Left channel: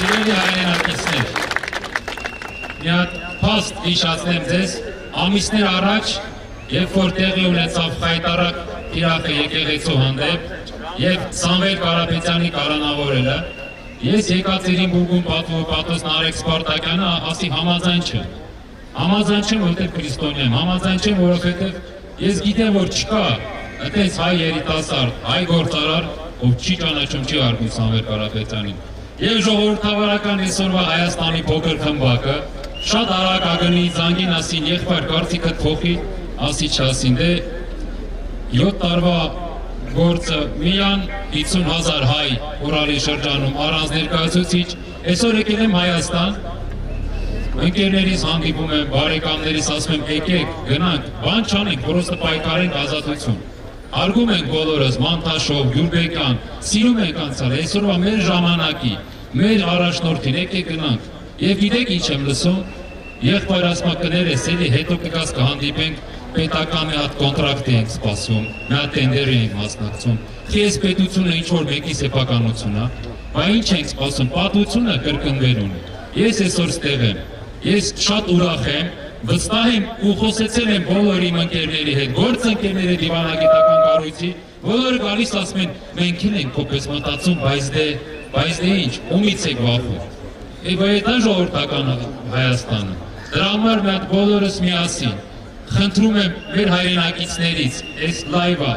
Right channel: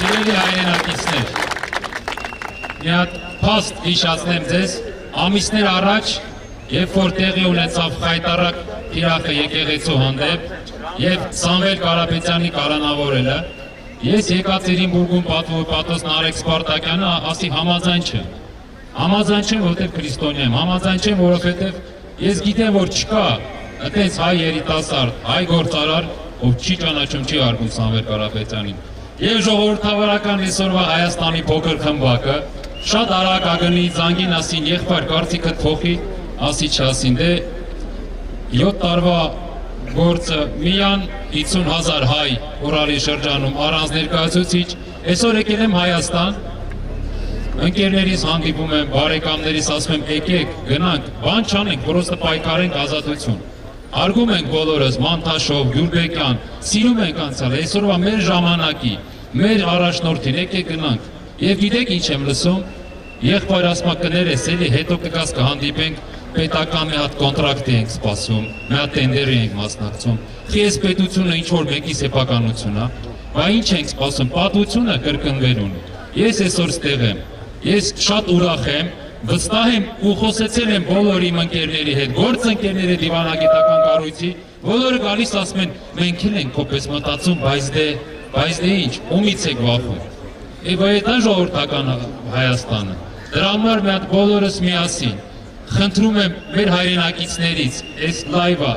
Սիրելի հայրենակիցներ, մի հատ փաստ հիշացնեմ ձեզ, ամիսներ առաջ, երբ որ տեղի ունեցավ խայտառակ թիրախը եկեղեցու հանդեպ եւ Սամվել Կարապետյանի կալանավորելը, ես եկածերին բուրգում պատոս Նարեկ Սպարտակյանը ասի համաձայն չեմ, որովհետև քրիստոնյա եմ, համաձայն չեմ, որովհետև ես գիտեմ, որ չկա այդպես հայ երիտասարդ, հայ գործարար, ով չի ճանաչում, չի արգում Սամվել Կարապետյանին։ Եվ ժողովրդավարական այսօրվա Հայաստանի փոքր խմբակը շատ արագ ագնի զանգին ասին եղբայր կարծիքդ փոխի, ասի չասին, դե 7 տարվա գործը միան 50,000 հայ Ուրալի շրջանում առանց ներկայացուցիչ, այսօր եկել եմ Հայաստան, ընկերներիս հանդիպում եմ, բարեկամներիս ասում եմ եկեք, գնանք, բան չանենք, պրոստը պայքարենք ազատություն։ Արգում ենք բոլորս, Մանթաշով, Գյուլբեկյան, սիրում ենք անցյալ, այսօրվա մեր ժամանակի, մեր առաջնորդին, եկեք գնանք։ Եվ գիտեք ինչ եմ լսում, եղբայր ասма կներես, էլի հետո կգաս կհանդիպենք, պետական մի հատ կոնտրակտի ենք սպասում, մի հատ տենդերի ենք մասնակցում, խես պետությունը ինչ-որ մեկի սեփականություն, բա ինչ ենք սպասում, պատմությունը կրկնվել ունի։ Ես այսօր ստեղ եմ, ես շատ ուրախ եմ, վստահ եմ ու խոսեցել եմ բոլոր իմ ընկերների հետ, գործընկերների դիվանագիտական կառույցի, բոլորը գալիս ասում են, մենք էլ ենք քոպես մտածում, բայց դե ինչ, ումից եք վախում։ Եվ այդ է ժողովրդական Հայաստանը։ Դրա համար մի հատ բոլորս միասին խնդրում եմ մեր հայրենակիցներից, այս լայվը,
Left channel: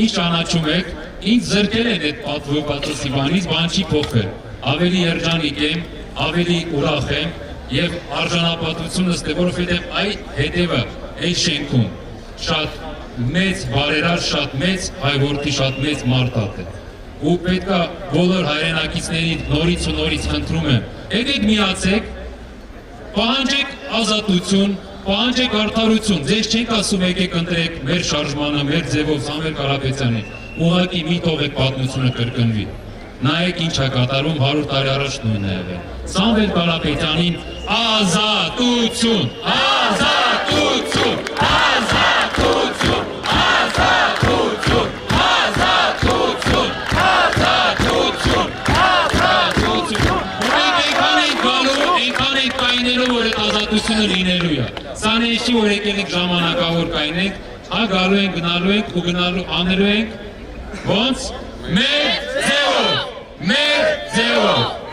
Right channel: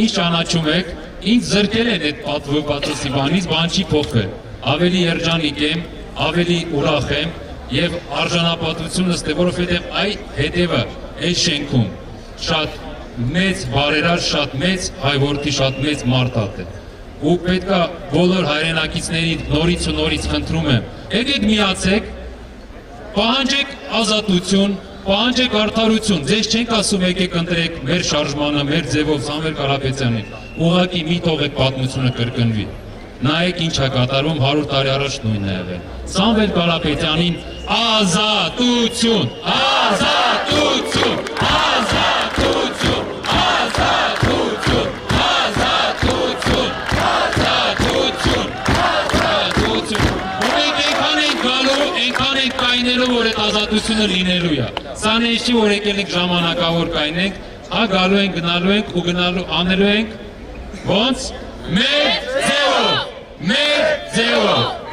ինչ ճանաչում եք, ինչ զրկել են այդ պատվոպատոսի բանից, բան չի փոխվել։ Ավելի երջանիկ եմ, ավելի ուրախ եմ եւ արժանապատվությունս դե որովհետեւ այդ հետևը այդ շենքում շատ մեծ բարերար, շատ մեծ հայորդի, շատ մեծ մարդատ է։ Ու պետքա բոլոր հայրենակիցների նորից ու նորից խնդրում եմ, եկեք միացեք, պահանջեք ազատություն, պահանջեք արդարություն, ձեզ չենք ասում եկեք ընտրեք մեր շարժմանը, մեր ձևով Սամվել Կարապետյանին, ուղղակի մի թողեք պատմությունը կրկնվի։ Նայեք ինչ է կատարում 100 տարի առաջ նույնն է եղել։ Սամվել Կարապետյանին ազատություն, ազատություն, ազատություն, ազատություն, ազատություն, ազատություն, ազատություն։ Մենք այնքան ենք գալու, այնքան ենք կայնելու, որ այդ ազատությունը լինելու է։ Սա նենց չի, որ եկել ենք ժամանակավոր կայնենք, հա գալու ենք, գնալու ենք ու գնալու անելու ենք ոնց մեր ձևով, մեր ձևով։